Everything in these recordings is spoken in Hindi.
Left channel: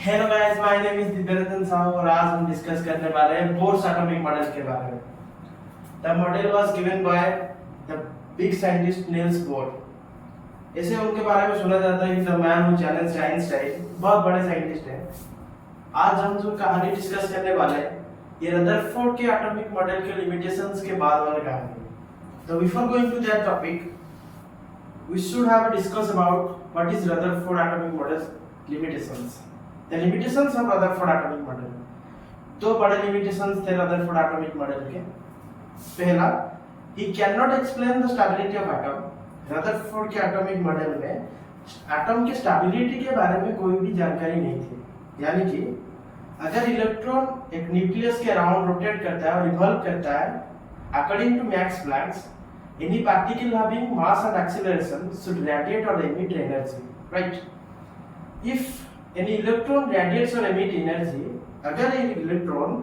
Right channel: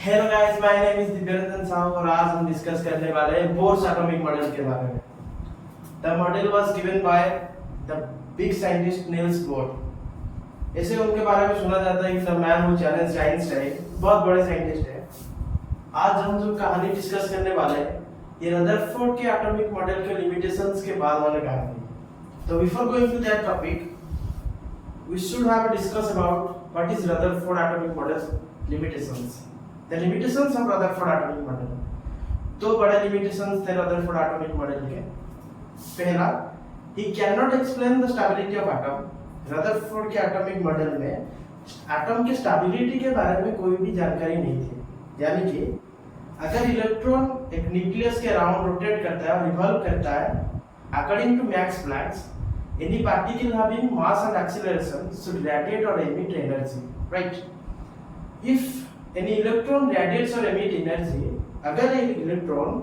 Hello guys, my name is Divyaranjan Sahu और आज हम डिस्कस करने वाले हैं बोर्स एटॉमिक मॉडल के बारे में। The model was given by the big scientist Niels Bohr. ऐसे उनके बारे में सुना जाता है कि the man who challenged Einstein, बहुत बड़े साइंटिस्ट हैं। आज हम जो कहानी डिस्कस करने वाले हैं ये रदरफोर्ड के एटॉमिक मॉडल के लिमिटेशंस के बाद वाले कहानी है। तो before going to that topic we should have a discuss about what is Rutherford atomic model limitations. The limitations of Rutherford atomic model. दो बड़े limitations थे Rutherford atomic model के। पहला, he cannot explain the stability of atom. Rutherford के atomic model में एटम के स्टेबिलिटी के बारे में कोई भी जानकारी नहीं थी। यानी कि अगर इलेक्ट्रॉन एक न्यूक्लियस के अराउंड रोटेट करता है और रिवॉल्व करता है, according to Max Planck, any particle having mass and acceleration should radiate or emit energy, right? If any electron radiates or emit energy, अगर एक इलेक्ट्रॉन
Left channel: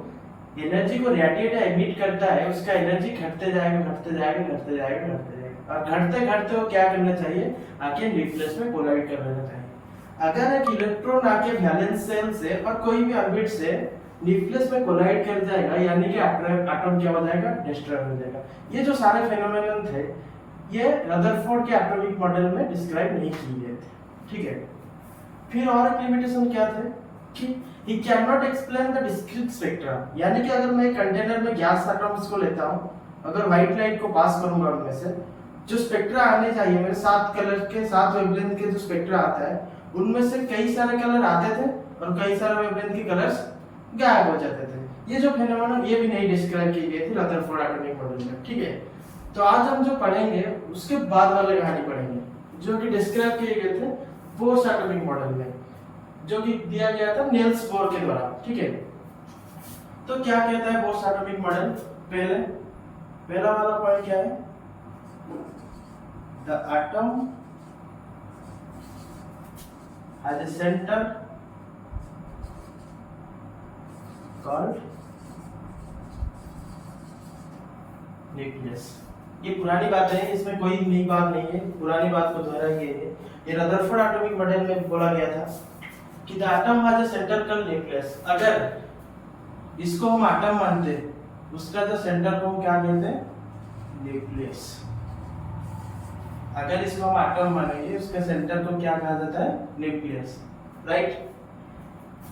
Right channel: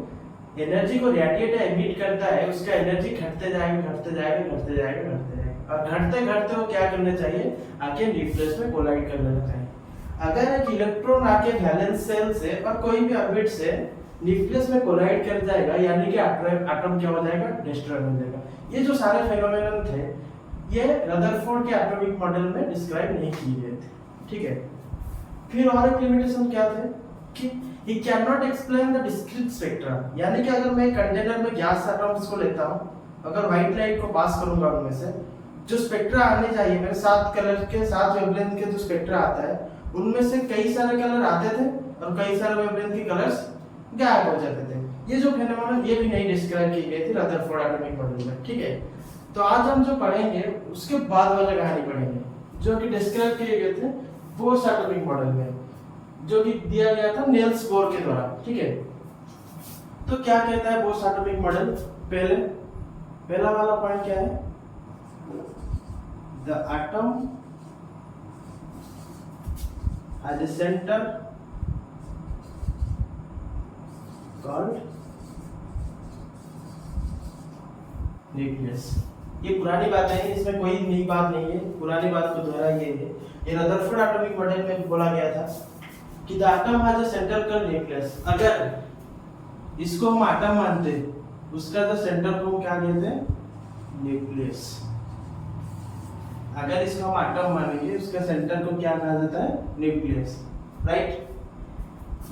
एनर्जी को रेडिएट या एमिट करता है, उसका एनर्जी घटते जाएगा और घटते घटते वो क्या करना चाहिए, आके न्यूक्लियस में कोलाइड कर लेना चाहिए। अगर एक इलेक्ट्रॉन आके वैलेंस शेल से और कोई भी ऑर्बिट से न्यूक्लियस में कोलाइड कर जाएगा, यानी कि एटम क्या हो जाएगा, डिस्ट्रॉय हो जाएगा। ये जो सारे फेनोमेनन थे ये रदरफोर्ड के एटॉमिक मॉडल में डिस्क्राइब नहीं किए गए थे, ठीक है। फिर और एक लिमिटेशन क्या थे कि he can not explain the discrete spectra. यानी कि अगर मैं कंटेनर में गैस एटम्स को लेता हूं, अगर व्हाइट लाइट को पास करूंगा, उनमें से जो स्पेक्ट्रा आने चाहिए, मेरे 7 कलर के 7 वेवलेंथ के जो स्पेक्ट्रा आता है, उनमें से कई सारे कलर आते थे और कई सारे वेवलेंथ के कलर्स गायब हो जाते थे। ये जो फेनोमेनन ये भी नहीं डिस्क्राइब की गई थी रदरफोर्ड एटॉमिक मॉडल में, ठीक है। तो आज हम जो पढ़ेंगे उसके बाद वाले कहानी पढ़ेंगे जो कि डिस्क्राइब किए गए थे बोर्स एटॉमिक मॉडल में, जो कि दिया गया था नील्स बोर के द्वारा, ठीक है। तो क्या कहता है बोर्स एटॉमिक मॉडल? पहला वाला पॉइंट क्या है? The atom has a centre called nucleus. ये पुरानी बात है, इसमें कोई नई बात नहीं है, पुरानी बात को दोहराई गई है। ये रदरफोर्ड एटॉमिक मॉडल में बोला गया था कि the atom has a centre called nucleus. अगर इसको हम एटम मानते, उसका जो सेंटर को हम क्या कहते हैं? न्यूक्लियस। अगर इसको हम एटम मानेंगे, उसका सेंटर को क्या कहा जाता है? Nucleus, right.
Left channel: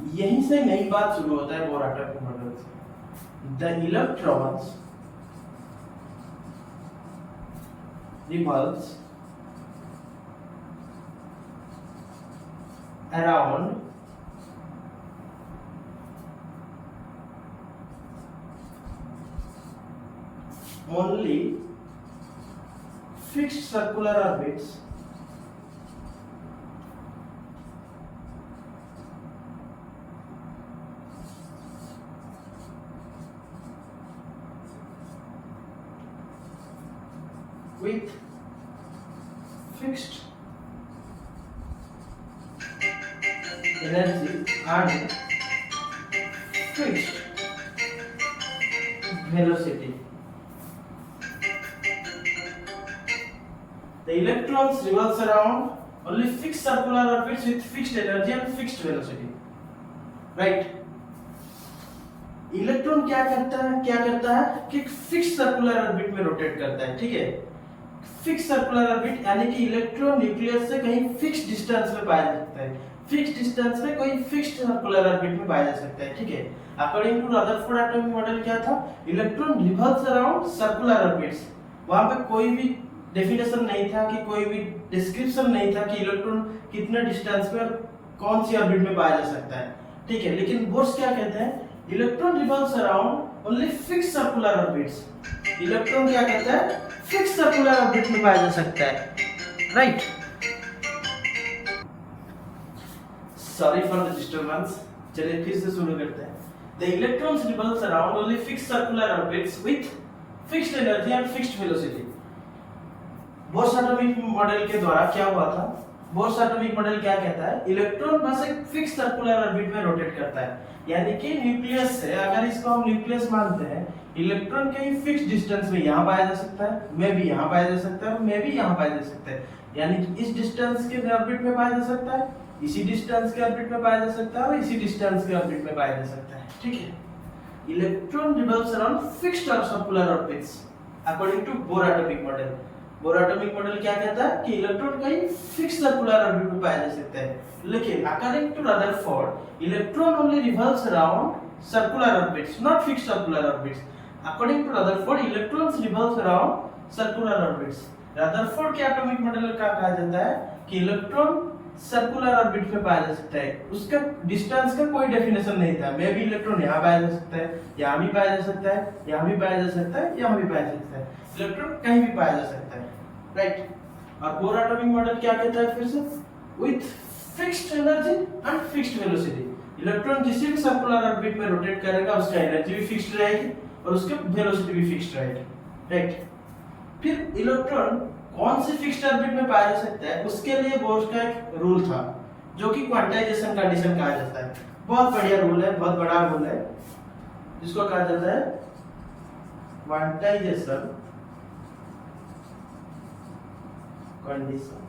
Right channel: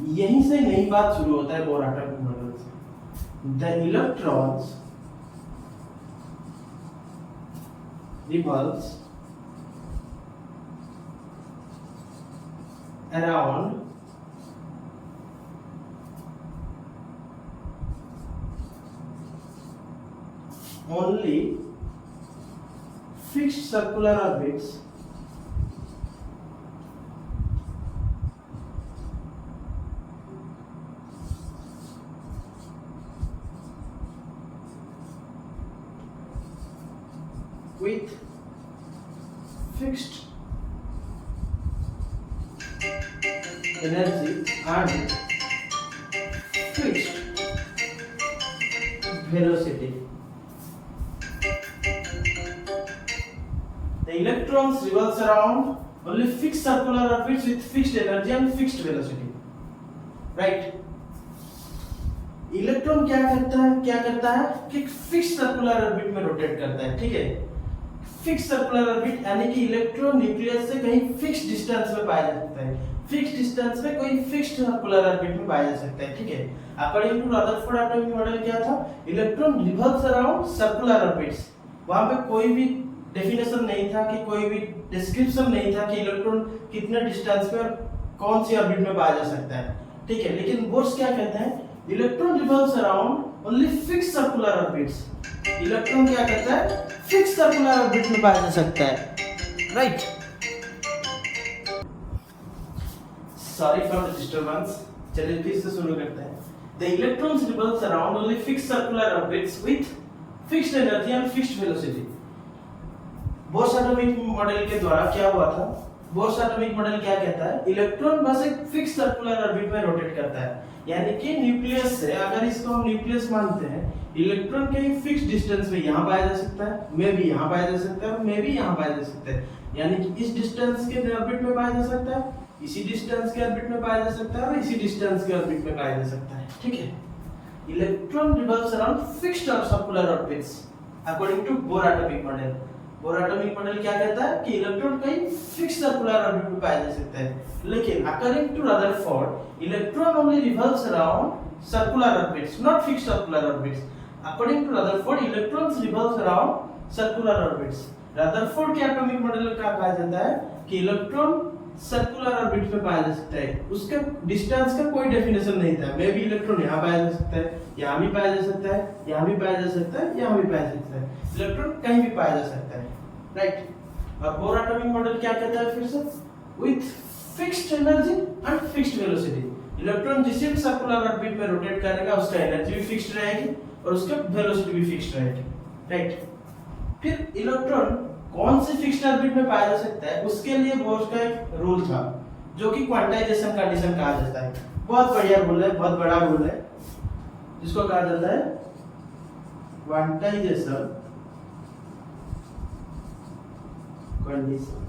यहीं से नई बात शुरू होता है बोर एटॉमिक मॉडल से। The electrons revolves around only fixed circular orbits with fixed energy and fixed velocity. The electrons revolves around only fixed circular orbits with fixed energy and fixed velocity, right? Electron क्या करता है कि फिक्स सर्कुलर ऑर्बिट में रोटेट करता है, ठीक है। फिक्स सर्कुलर ऑर्बिट यानी कि इलेक्ट्रॉन न्यूक्लियस से कहीं फिक्स डिस्टेंस में पाया जा सकता है। फिक्स डिस्टेंस में कोई फिक्स सर्कुलर ऑर्बिट में पाया जा सकता है, ठीक है। According to Rutherford atomic model क्या था? Electron revolves around circular orbits. वहां पे कोई भी डेफिनेशन नहीं था कि कोई भी डिस्क्रिप्शन नहीं था कि इलेक्ट्रॉन कितने डिस्टेंस पे और कौन सी ऑर्बिट में पाया जा सकता है, ठीक है। लेकिन बोर्स क्या कहते हैं? Electron revolves around only fix circular orbits. Electron क्या करता है? फिक्स सर्कुलर ऑर्बिट में पाया जा सकता है, right. Sorry for the disturbance, चलिए फिर से शुरू करते हैं। The electrons revolves around only fix circular orbits with fixed energy and fixed velocity. Bourse atomic model के द्वारा क्या हुआ था? बोर्स एटॉमिक मॉडल क्या कहता है? इलेक्ट्रॉन बस एक फिक्स सर्कुलर ऑर्बिट में रोटेट करता है, यानी कि न्यूक्लियस से, अगर इसको हम न्यूक्लियस मानते हैं, इलेक्ट्रॉन कहीं फिक्स डिस्टेंस में यहाँ पाया जा सकता है, में भी यहाँ पाया जा सकता है और में भी यहाँ पाया जा सकता है। यानी कि इस डिस्टेंस के ऑर्बिट में पाया जा सकता है, इसी डिस्टेंस के ऑर्बिट में पाया जा सकता है और इसी डिस्टेंस के ऑर्बिट में पाया जा सकता है, ठीक है। इलेक्ट्रॉन रिवॉल्व्स अराउंड फिक्स्ड और circular orbits according to Bohr atomic model. Bohr atomic model क्या कहता है कि इलेक्ट्रॉन कहीं फिक्स्ड सर्कुलर ऑर्बिट में पाया जा सकता है, लेकिन according to Rutherford electron only revolves around circular orbits, not fixed circular orbits. According to Rutherford electrons revolves around circular orbits. Rutherford के एटॉमिक मॉडल का कहा जाता है कि इलेक्ट्रॉन सर्कुलर ऑर्बिट में पाया जा सकता है, उसका डिस्टेंस का कोई डेफिनेशन नहीं था। मे भी इलेक्ट्रॉन यहाँ पाया जा सकता है, यहाँ भी पाया जा सकता है, यहाँ भी पाया जा सकता है, यहाँ भी पाया जा सकता है, इलेक्ट्रॉन कहीं भी पाया जा सकता है, राइट। और बोर एटॉमिक मॉडल क्या कहता है फिर से, with fixed energy and fixed velocity. Electron जिस सर्कुलर ऑर्बिट में रोटेट करेगा उसका एनर्जी भी फिक्स्ड रहेगी और उसका वेलोसिटी भी फिक्स्ड रहेगी, राइट। फिर इलेक्ट्रॉन कौन से फिक्स्ड ऑर्बिट में पाया जा सकता है, उसके लिए बोर्स का एक रूल था जो कि क्वांटाइजेशन कंडीशन कहा जाता है। बहुत बढ़िया रूल है, बहुत बड़ा रूल है, जिसको कहा जाता है क्वांटाइजेशन कंडीशन।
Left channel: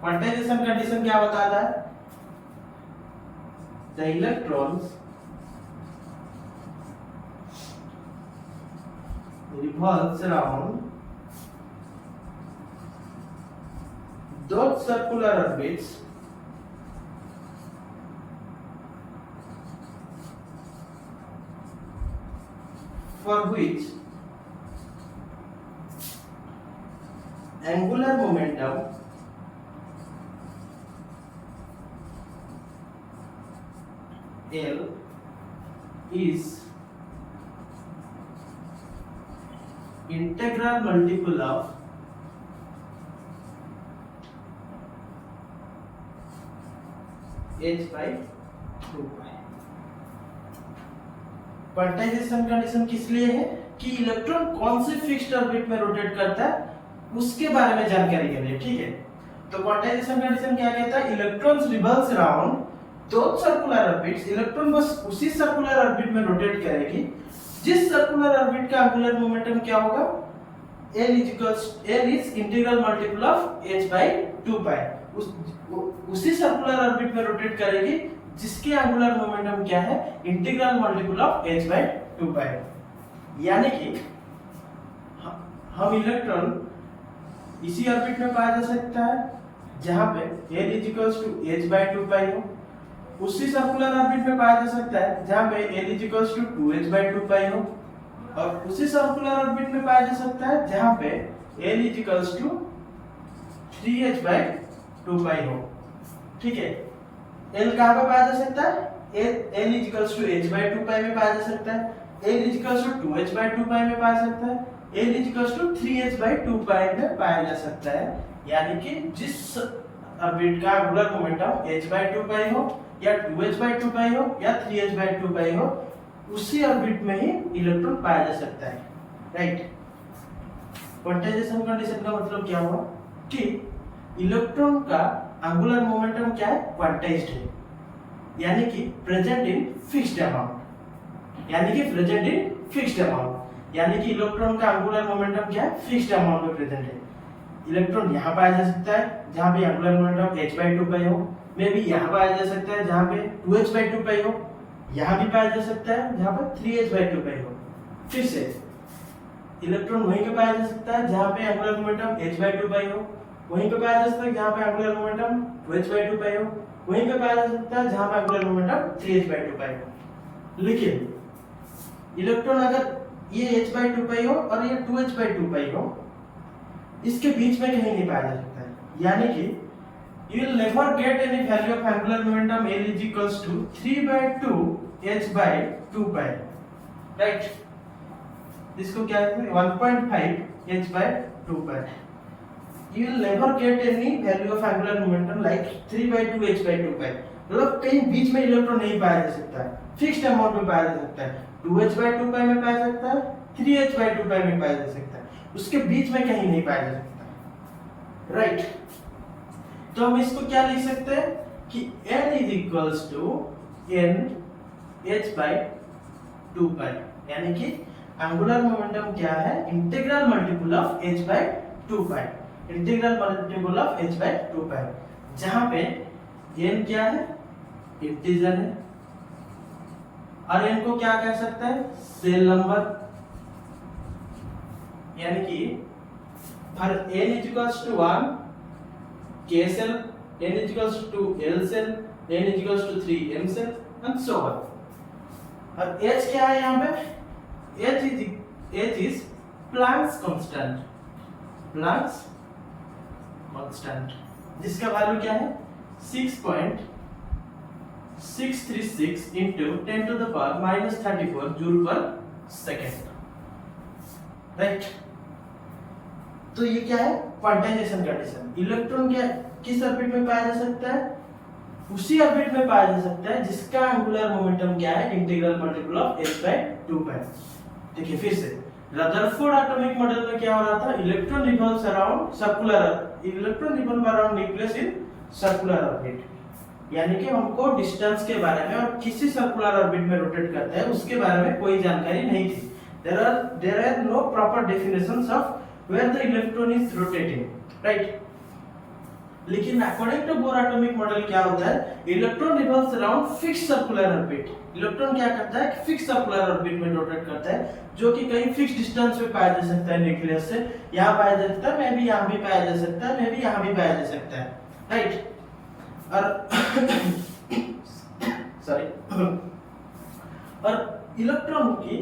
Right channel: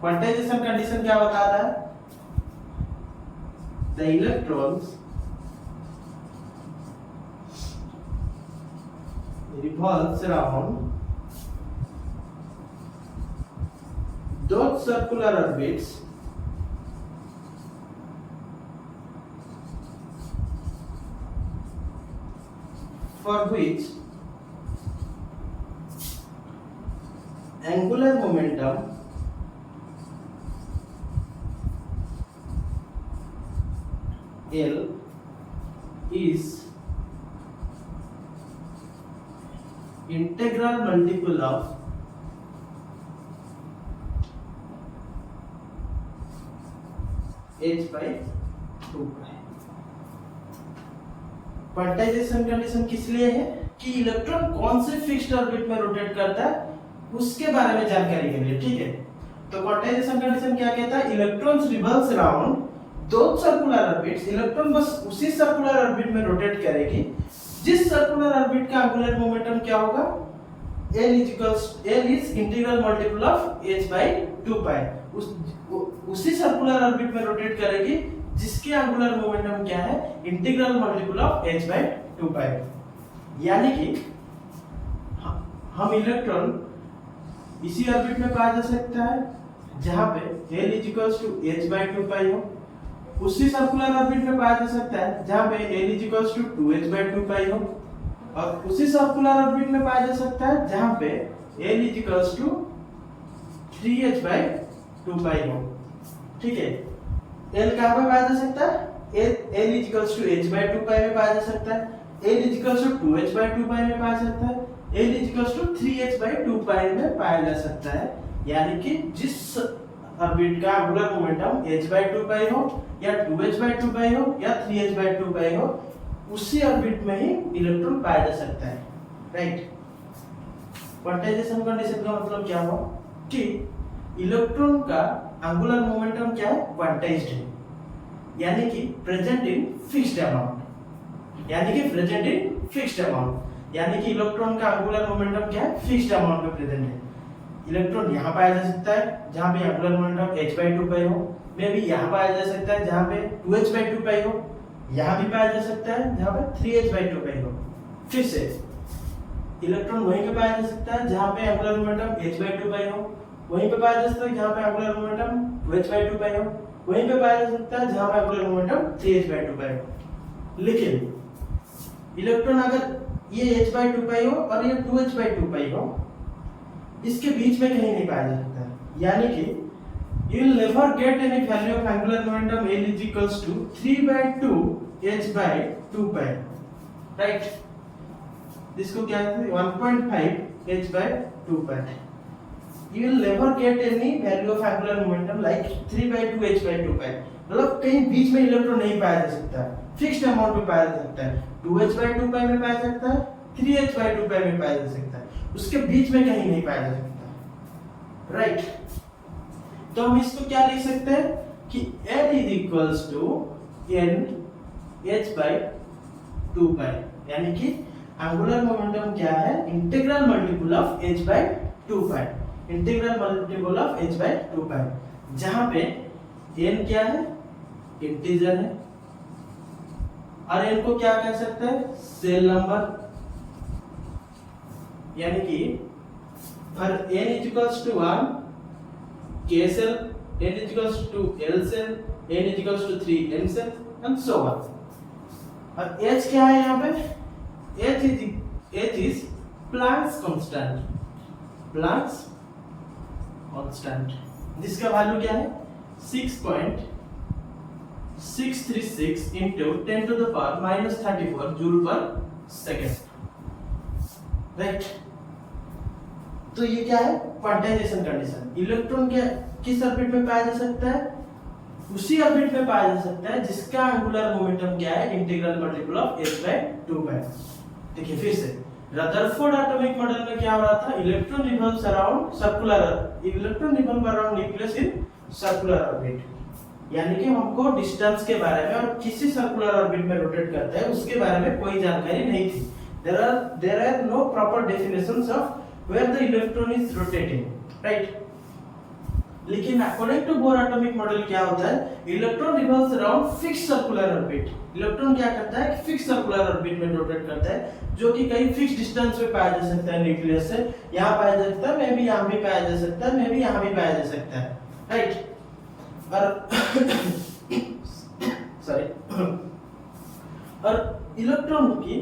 क्वांटाइजेशन कंडीशन क्या बताता है, the electrons revolves around those circular orbits for which angular momentum L is integral multiple of h by 2 pi। Quantization condition किस लिए है कि इलेक्ट्रॉन कौन से फिक्स्ड ऑर्बिट में रोटेट करता है उसके बारे में जानकारी के लिए, ठीक है। तो क्वांटाइजेशन कंडीशन क्या कहता है, इलेक्ट्रॉन्स रिवॉल्व्स अराउंड दो सर्कुलर ऑर्बिट्स। इलेक्ट्रॉन बस उसी सर्कुलर ऑर्बिट में रोटेट करेगी जिस सर्कुलर ऑर्बिट का एंगुलर मोमेंटम क्या होगा, L is integral multiple of h by 2 pi। उसी सर्कुलर ऑर्बिट में रोटेट करेगी जिसके एंगुलर मोमेंटम क्या है, integral multiple of h by 2 pi। यानी कि हम इलेक्ट्रॉन इसी ऑर्बिट में पाया जा सकता है जहां पे L h by 2 pi हो, उसी सर्कुलर ऑर्बिट में पाया जा सकता है जहां पे L 2h by 2 pi हो, और उसी सर्कुलर ऑर्बिट में पाया जा सकता है जहां पे L 3h by 2 pi हो, ठीक है। L कहां पे पाया जा सकता है, L h by 2 pi में पाया जा सकता है, L 2h by 2 pi में पाया जा सकता है, L 3h by 2 pi में पाया जा सकता है। यानी कि जिस ऑर्बिट का angular momentum h by 2 pi हो या 2h by 2 pi हो या 3h by 2 pi हो, उसी ऑर्बिट में ही इलेक्ट्रॉन पाया जा सकता है, राइट। क्वांटाइजेशन कंडीशन का मतलब क्या हुआ कि इलेक्ट्रॉन का एंगुलर मोमेंटम क्या है, क्वांटाइज्ड है, यानी कि प्रेजेंट इन फिक्स्ड अमाउंट, यानी कि प्रेजेंट इन फिक्स्ड अमाउंट, यानी कि इलेक्ट्रॉन का एंगुलर मोमेंटम क्या है, फिक्स्ड अमाउंट में प्रेजेंट है। इलेक्ट्रॉन यहाँ पाया जा सकता है जहां पे angular momentum h by 2 pi हो, में भी यहाँ पाया जा सकता है जहां पे 2h by 2 pi हो, यहाँ भी पाया जा सकता है जहां पे 3h by 2 pi हो। फिर से इलेक्ट्रॉन वहीं पे पाया जा सकता है जहां पे angular momentum h by 2 pi हो, वहीं पे पाया जा सकता है जहां पे angular momentum 2h by 2 pi हो, वहीं पे पाया जा सकता है जहां पे angular momentum 3h by 2 pi हो। लेकिन इलेक्ट्रॉन अगर ये h by 2 pi हो और ये 2h by 2 pi हो, इसके बीच में कहीं नहीं पाया जा सकता है, यानी कि you will never get any value of angular momentum L is equals to 3 by 2 h by 2 pi, right। इसको क्या कहते हैं, 1.5 h by 2 pi। You will never get any value of angular momentum like 3 by 2 h by 2 pi। मतलब कहीं बीच में इलेक्ट्रॉन नहीं पाया जा सकता है, फिक्स्ड अमाउंट में पाया जा सकता है, 2h by 2 pi में पाया जा सकता है, 3h by 2 pi में पाया जा सकता है, उसके बीच में कहीं नहीं पाया जा सकता, राइट। तो हम इसको क्या लिख सकते हैं कि L is equals to n h by 2 pi, यानी कि एंगुलर मोमेंटम क्या है, integral multiple of h by 2 pi। Integral multiple of h by 2 पाई, जहां पे n क्या है, इंटीजर है, और n को क्या कह सकते हैं, सेल नंबर, यानी कि for n is equals to 1 k cell, n is equals to l cell, n is equals to 3 m cell and so on. और h क्या है यहाँ पे, h is Planck's constant, Planck's constant, जिसका वैल्यू क्या है 6.636 into 10 to the power minus 34 joule पर सेकेंड, राइट। तो ये क्या है, क्वांटाइजेशन कंडीशन। इलेक्ट्रॉन क्या किस ऑर्बिट में पाया जा सकता है, उसी ऑर्बिट में पाया जा सकता है जिसका एंगुलर मोमेंटम क्या है, integral multiple of h by 2 pi. देखिए फिर से रदरफोर्ड एटॉमिक मॉडल में क्या हो रहा था, electron revolves around circular, electron revolve around nucleus in circular orbit, यानी कि हमको डिस्टेंस के बारे में और किसी सर्कुलर ऑर्बिट में रोटेट करता है उसके बारे में कोई जानकारी नहीं थी। there are no proper definitions of where the electron is rotating, right? लेकिन according to Bohr atomic model क्या होता है, electron revolves around fix circular orbit. Electron क्या करता है, फिक्स सर्कुलर ऑर्बिट में रोटेट करता है, जो कि कहीं फिक्स डिस्टेंस पे पाया जा सकता है न्यूक्लियस से, यहाँ पाया जा सकता है, मे भी यहाँ भी पाया जा सकता है, मे भी यहाँ भी पाया जा सकता है, राइट। और सॉरी, और इलेक्ट्रॉन की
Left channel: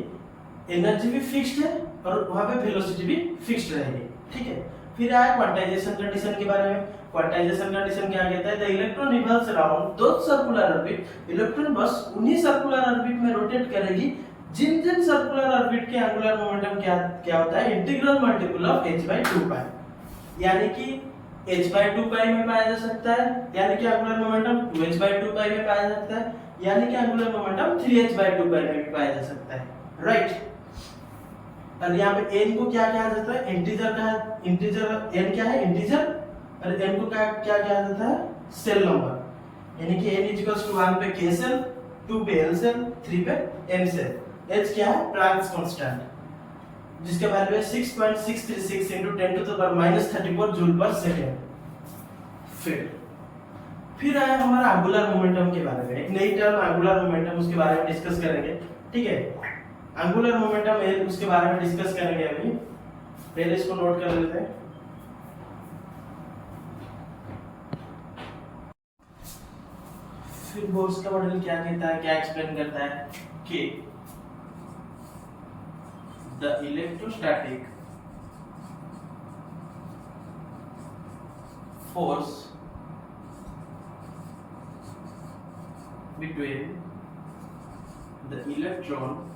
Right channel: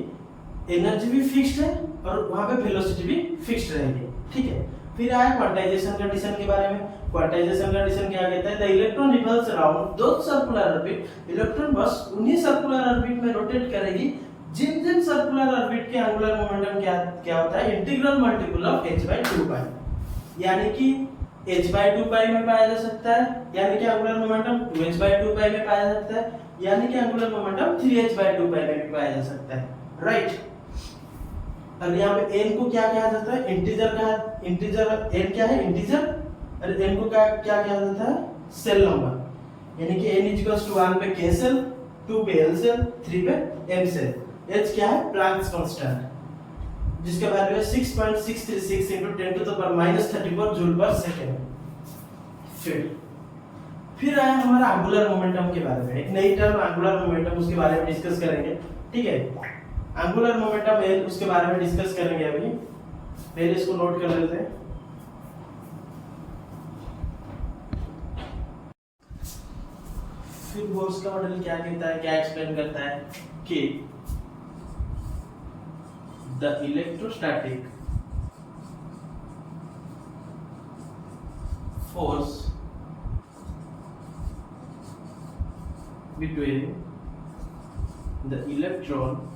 एनर्जी भी फिक्स्ड है और वहां पे वेलोसिटी भी फिक्स्ड रहेगी, ठीक है। फिर आया क्वांटाइजेशन कंडीशन के बारे में। क्वांटाइजेशन कंडीशन क्या कहता है, the electron revolves around those circular orbit, electron बस उन्हीं सर्कुलर ऑर्बिट में रोटेट करेगी जिन जिन सर्कुलर ऑर्बिट के एंगुलर मोमेंटम क्या होता है, integral multiple of h by 2 pi, यानी कि h बाय 2 पाई में पाया जा सकता है, यानी कि एंगुलर मोमेंटम 2h बाय 2 पाई में पाया जा सकता है, यानी कि एंगुलर मोमेंटम 3h बाय 2 पाई में भी पाया जा सकता है, राइट। और यहाँ पे n को क्या कहा जाता है, इंटीजर का, इंटीजर n क्या है, इंटीजर, और n को क्या क्या कहा जाता है, सेल नंबर, यानी कि n इक्वल्स टू 1 पे k सेल, 2 पे l सेल, 3 पे m सेल। h क्या है, प्लैंक्स कांस्टेंट, जिसका वैल्यू है 6.636 into 10 to the power minus 34 joule पर सेकंड। फिर आया हमारा एंगुलर मोमेंटम के बारे में, एक नई टर्म एंगुलर मोमेंटम, उसके बारे में डिस्कस करेंगे, ठीक है। एंगुलर मोमेंटम है, उसके बारे में डिस्कस करेंगे अभी, पहले इसको नोट कर लेते हैं। फिर बोर्स का मॉडल क्या कहता है, क्या एक्सप्लेन करता है कि the electrostatic force between the electron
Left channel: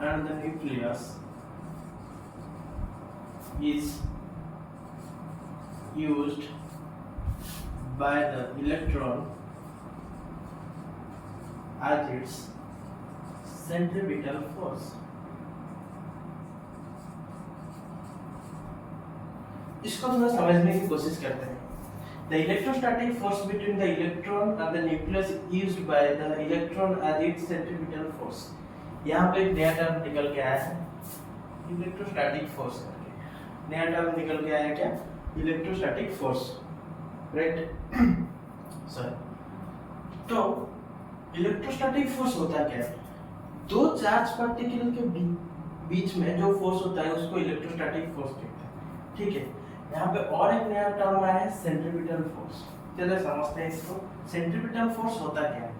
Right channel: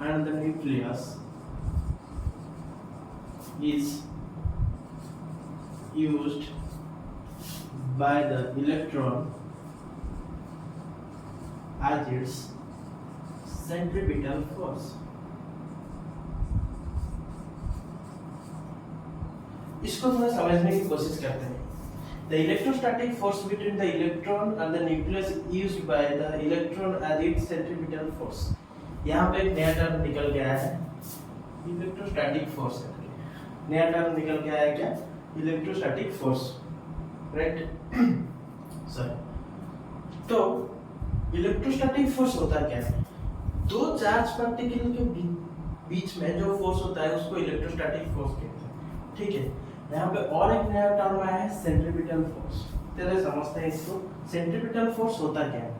and the nucleus is used by the electron as its centripetal force. इसको थोड़ा समझने की कोशिश करते हैं। The electrostatic force between the electron and the nucleus is used by the electron as its centripetal force. यहाँ पे एक नया टर्म निकल के आया है, इलेक्ट्रोस्टैटिक फोर्स। नया टर्म निकल के आया क्या, इलेक्ट्रोस्टैटिक फोर्स, राइट। सॉरी, तो इलेक्ट्रोस्टैटिक फोर्स होता क्या है, दो चार्ज पार्टिकल के बीच में जो फोर्स होता है उसको इलेक्ट्रोस्टैटिक फोर्स कहते हैं, ठीक है। यहाँ पे और एक नया टर्म आया है, सेंट्रीपिटल फोर्स। चलो समझते हैं इसको। सेंट्रीपिटल फोर्स होता क्या है,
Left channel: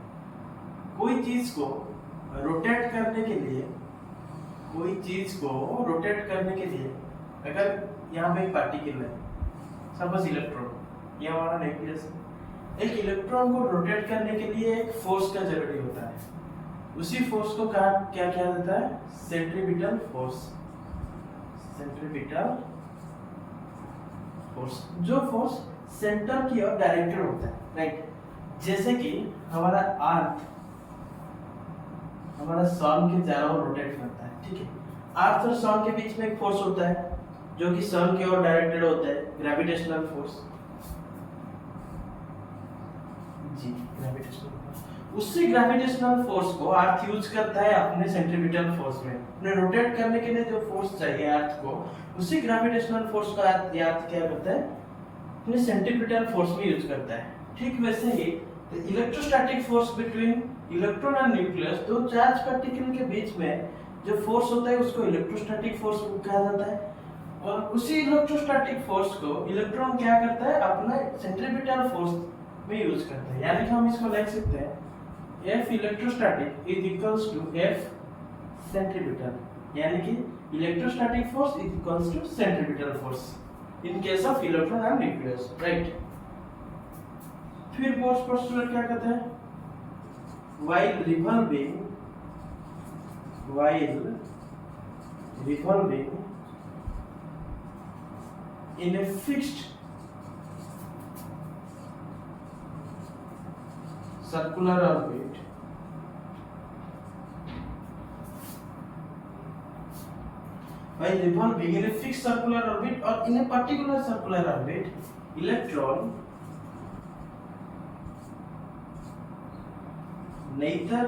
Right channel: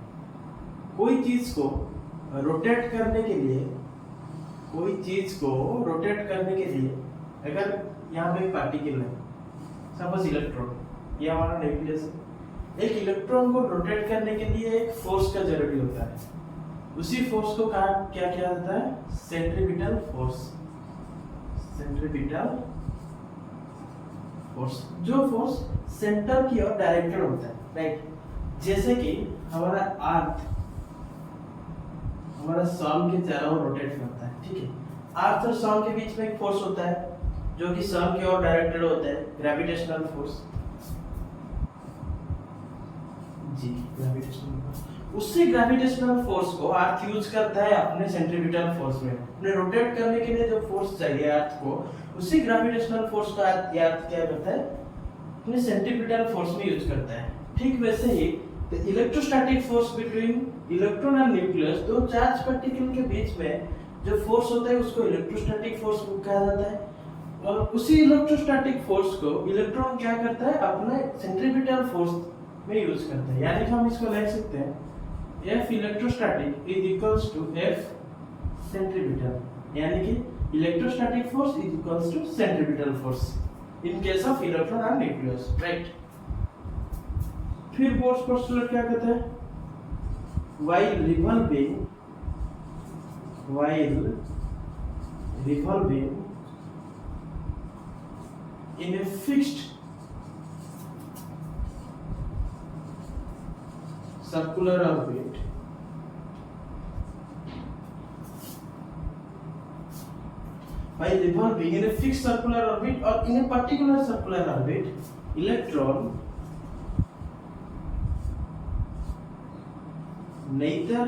कोई चीज को रोटेट करने के लिए, कोई चीज को रोटेट करने के लिए, अगर यहाँ पे एक पार्टिकल है, सपोज इलेक्ट्रॉन, ये हमारा न्यूक्लियस है, एक इलेक्ट्रॉन को रोटेट करने के लिए एक फोर्स का जरूरी होता है, उसी फोर्स को क्या किया जाता है, सेंट्रीपिटल फोर्स। सेंट्रीपिटल फोर्स, जो फोर्स सेंटर की ओर डायरेक्टेड होता है, राइट। जैसे कि हमारा अर्थ हमारा सन के चारों ओर रोटेट करता है, ठीक है। अर्थ और सन के बीच में एक फोर्स होता है जो कि सन की ओर डायरेक्टेड होता है, ग्रेविटेशनल फोर्स, जी ग्रेविटेशनल फोर्स। उसी ग्रेविटेशनल फोर्स को अर्थ यूज करता है अपने सेंट्रीपिटल फोर्स में। अपने रोटेट करने के लिए जो फोर्स चाहिए अर्थ को, उसी ग्रेविटेशनल फोर्स को अर्थ क्या करता है, अपने सेंट्रीपिटल फोर्स में यूज करता है। ठीक वैसे ही electrostatic force between electron and nucleus, दो चार्ज पार्टिकल के बीच में जो फोर्स होता है उसको इलेक्ट्रोस्टैटिक फोर्स कहा जाता है। और उसी इलेक्ट्रोस्टैटिक फोर्स को इलेक्ट्रॉन क्या करता है, अपना सेंट्रीपिटल फोर्स में यूज करता है। यानी कि हम इसको लिख सकते हैं F electrostatic is equals to F centripetal, यानी कि electrostatic force is equals to centripetal force in case of electron and nucleus, right. फिर बोर्स पोस्टुलेट क्या कहते हैं, while revolving in a fixed circular orbit, while revolving in a fixed circular orbit or in a particular circular orbit, electron neither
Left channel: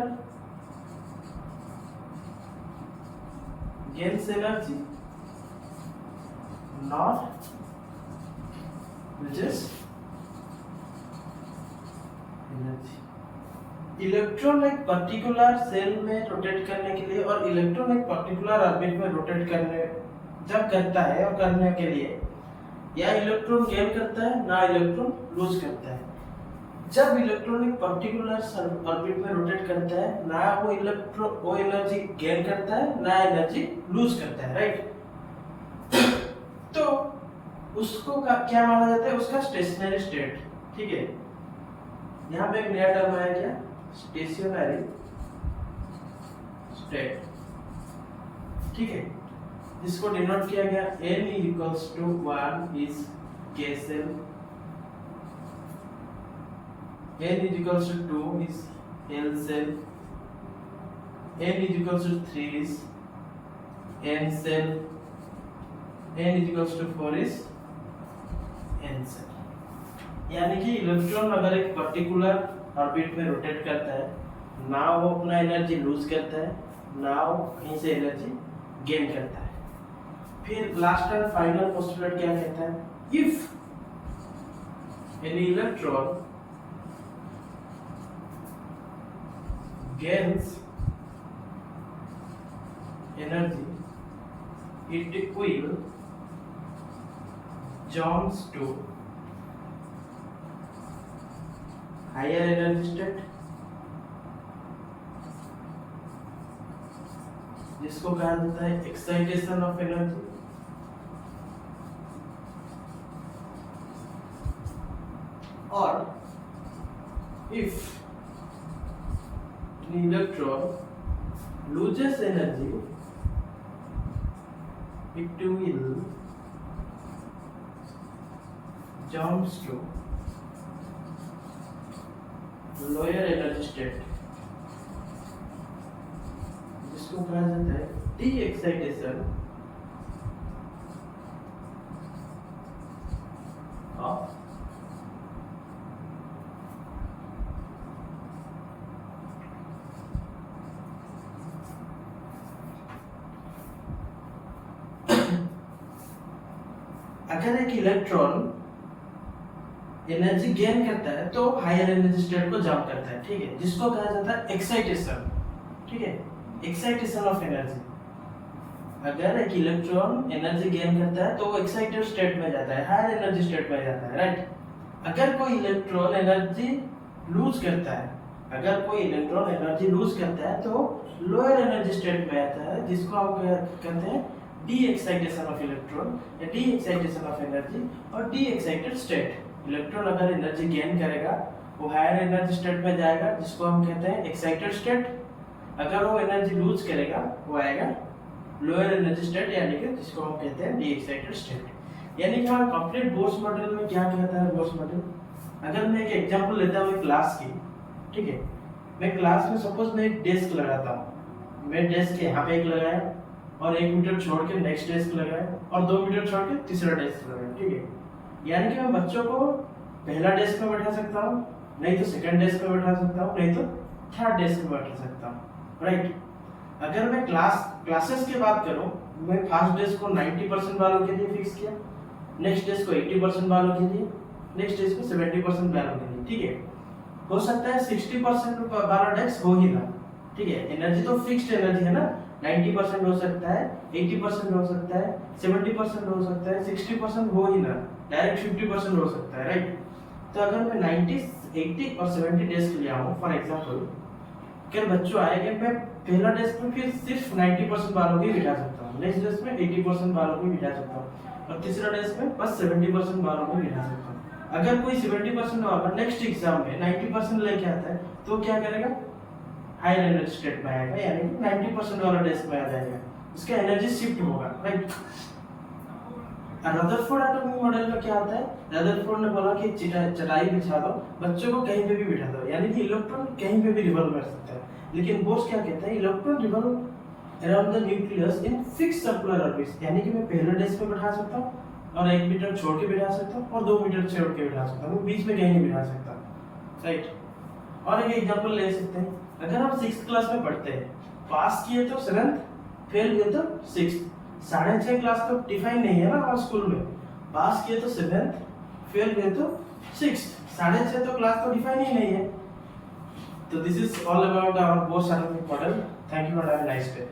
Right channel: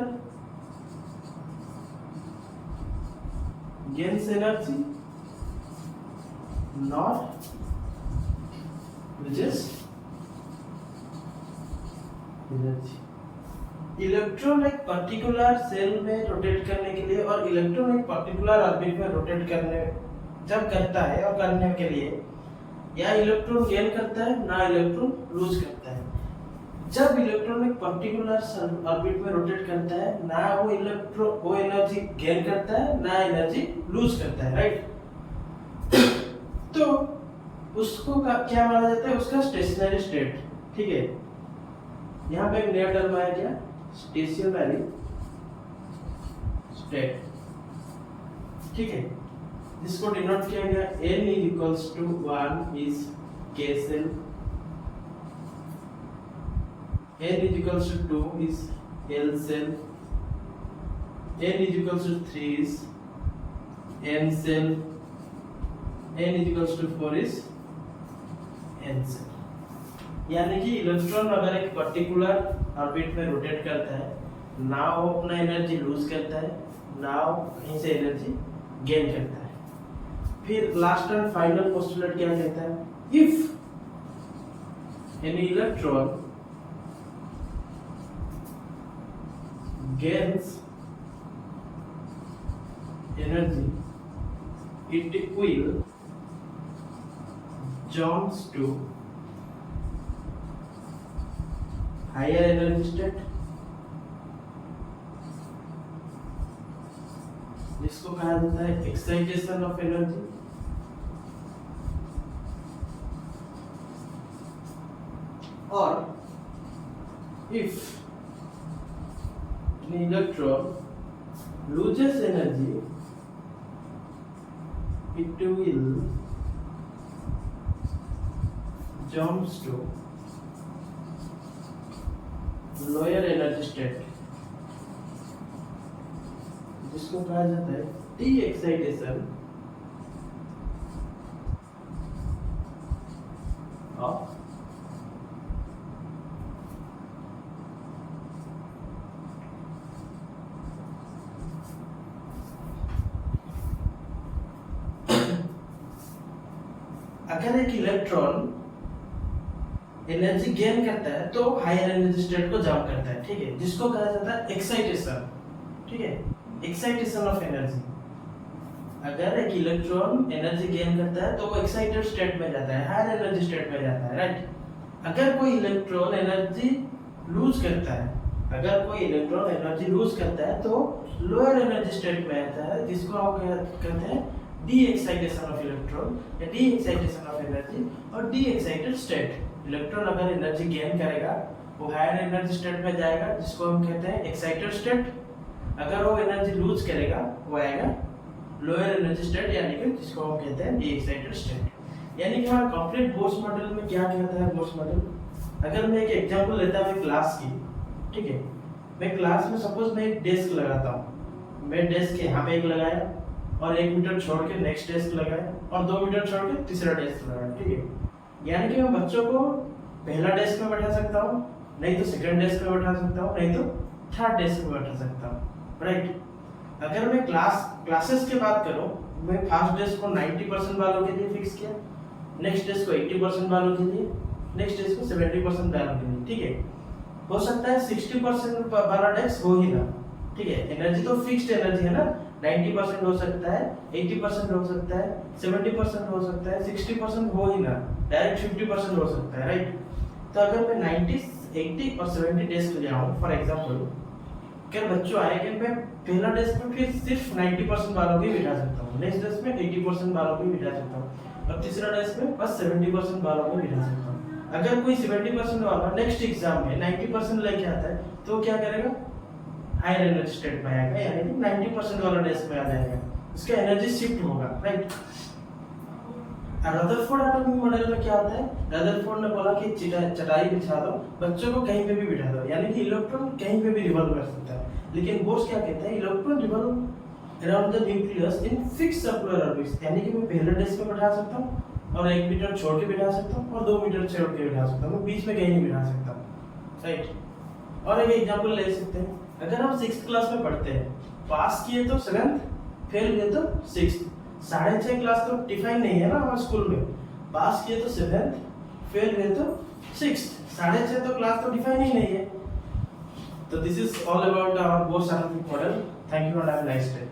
gains energy nor loses energy। Electron एक पर्टिकुलर सेल में रोटेट करने के लिए और इलेक्ट्रॉन एक पर्टिकुलर ऑर्बिट में रोटेट करने जब करता है और करने के लिए या इलेक्ट्रॉन गेन करता है ना इलेक्ट्रॉन लूज करता है। जब इलेक्ट्रॉन एक पर्टिकुलर ऑर्बिट में रोटेट करता है ना वो एनर्जी गेन करता है ना एनर्जी लूज करता है, राइट। तो उसको क्या माना जाता है, उसका स्टेशनरी स्टेट। ठीक है, यहाँ पे एक नया टर्म आया क्या, स्टेशनरी स्टेट। ठीक है, जिसको डिनोट किया गया n equals to 1 is k shell, n is equals to 2 is L cell, n is equals to 3 is N cell, n is equals to 4 is N cell। यानी कि इलेक्ट्रॉन अगर एक पर्टिकुलर ऑर्बिट में रोटेट करता है ना वो अपना एनर्जी लूज करता है ना वो कहीं से एनर्जी गेन करता है। फिर लास्ट एंड फाइनल पोस्टुलेट क्या कहता है, if any electron gains energy, it will jumps to higher energy state, जिसको कहा जाता है एक्साइटेशन ऑफ एनर्जी। और if the electron loses energy, it will jumps to lower energy state, जिसको कहा जाता है डी एक्साइटेशन ऑफ अगर एक इलेक्ट्रॉन एनर्जी गेन करता है तो हायर एनर्जी स्टेट को जंप करता है, ठीक है, जिसको कहा जाता है एक्साइटेशन। ठीक है, एक्साइटेशन ऑफ एनर्जी। अगर एक इलेक्ट्रॉन एनर्जी गेन करता है तो वो एक्साइटेड स्टेट में जाता है, हायर एनर्जी स्टेट में जाता है, राइट। अगर कोई इलेक्ट्रॉन एनर्जी लूज करता है, अगर कोई इलेक्ट्रॉन एनर्जी लूज करता है तो लोअर एनर्जी स्टेट में आता है, जिसको हम कहते हैं डी एक्साइटेशन ऑफ इलेक्ट्रॉन या डी एक्साइटेशन ऑफ एनर्जी और डी एक्साइटेड स्टेट। इलेक्ट्रॉन अगर एनर्जी गेन करेगा वो हायर एनर्जी स्टेट में जाएगा, जिसको हम कहते हैं एक्साइटेड स्टेट। अगर वो एनर्जी लूज करेगा वो आएगा लोअर एनर्जी स्टेट, यानी कि जिसको हम कहते हैं डी एक्साइटेड स्टेट। यानी कि हमारा कंप्लीट बोर्स मॉडल में क्या कहता है बोर्स मॉडल। अगर मैं एक एग्जांपल लेता हूँ क्लास की, ठीक है, मैं क्लास में सपोज मैं एक डेस्क लगाता हूँ, मैं डेस्क यहाँ पे एक लगाया और 1 मीटर छोड़ के नेक्स्ट डेस्क लगाया और 2 मीटर छोड़ के तीसरा डेस्क लगाया, ठीक है। यानी कि मैं बच्चों को पहला डेस्क में बैठा सकता हूँ, नहीं तो सेकंड डेस्क में बैठा सकता हूँ, नहीं तो थर्ड डेस्क पे बैठा सकता हूँ, राइट। अगर मैं क्लासेस की बात करूँ, मैं फर्स्ट डेस्क को 90% वालों के लिए फिक्स किया, नेक्स्ट डेस्क को 80% वालों के लिए, नेक्स्ट डेस्क को 70% वालों के लिए, ठीक है। हो सकता है 60% वाला डेस्क हो ही ना, ठीक है। एनर्जी तो फिक्स्ड एनर्जी है ना, 90% हो सकता है, 80% हो सकता है, 70% हो सकता है, 60% हो ही ना, डायरेक्ट 50% हो सकता है, राइट। तो अगर मैं 90, 80 और 70 डेस्क ले आऊँ, फॉर एग्जाम्पल अगर बच्चों आएंगे, मैं पहला डेस्क में फिर सिर्फ 90% वालों को ही बिठा सकता हूँ, नेक्स्ट डेस्क में 80% वालों को ही बिठा सकता हूँ, और तीसरा डेस्क में बस 70% वालों को बिठा सकता हूँ। अगर कोई 70% वाला नेक्स्ट एग्जाम में 90% लेके आता है, तो क्या करेगा, हायर एनर्जी स्टेट में आएगा, यानी कि 90% वाला डेस्क में आ जाएगा, उसका एनर्जी शिफ्ट होगा, राइट। रदरफोर्ड एटॉमिक मॉडल में क्या होता है, रदरफोर्ड ने बोला कि चटाई बिछा दो, बच्चों को कहीं पे भी बिठा दो, यानी कि इलेक्ट्रॉन कहीं पे भी रिवॉल्व कर सकता है। लेकिन बोर्स क्या कहता है, electron revolve around the nucleus in fixed circular orbits, यानी कि मैं पहले डेस्क में बैठा सकता हूँ और 1 मीटर छोड़ के बिठा सकता हूँ और 2 मीटर छोड़ के बिठा सकता हूँ, बीच में कहीं नहीं बिठा सकता, राइट। और एक एग्जांपल ले सकते हैं, अगर आप 6th क्लास में पढ़ते हैं, पास किए तो 7th, फेल हुए तो 6th, 6.5 क्लास तो डिफाइन नहीं है ना हमारे स्कूल में, पास किए तो 7th, फेल हुए तो 6th, 6.5 तो क्लास तो डिफाइन ही नहीं है। तो this is all about our Bohr's atomic model. Thank you and have a nice day.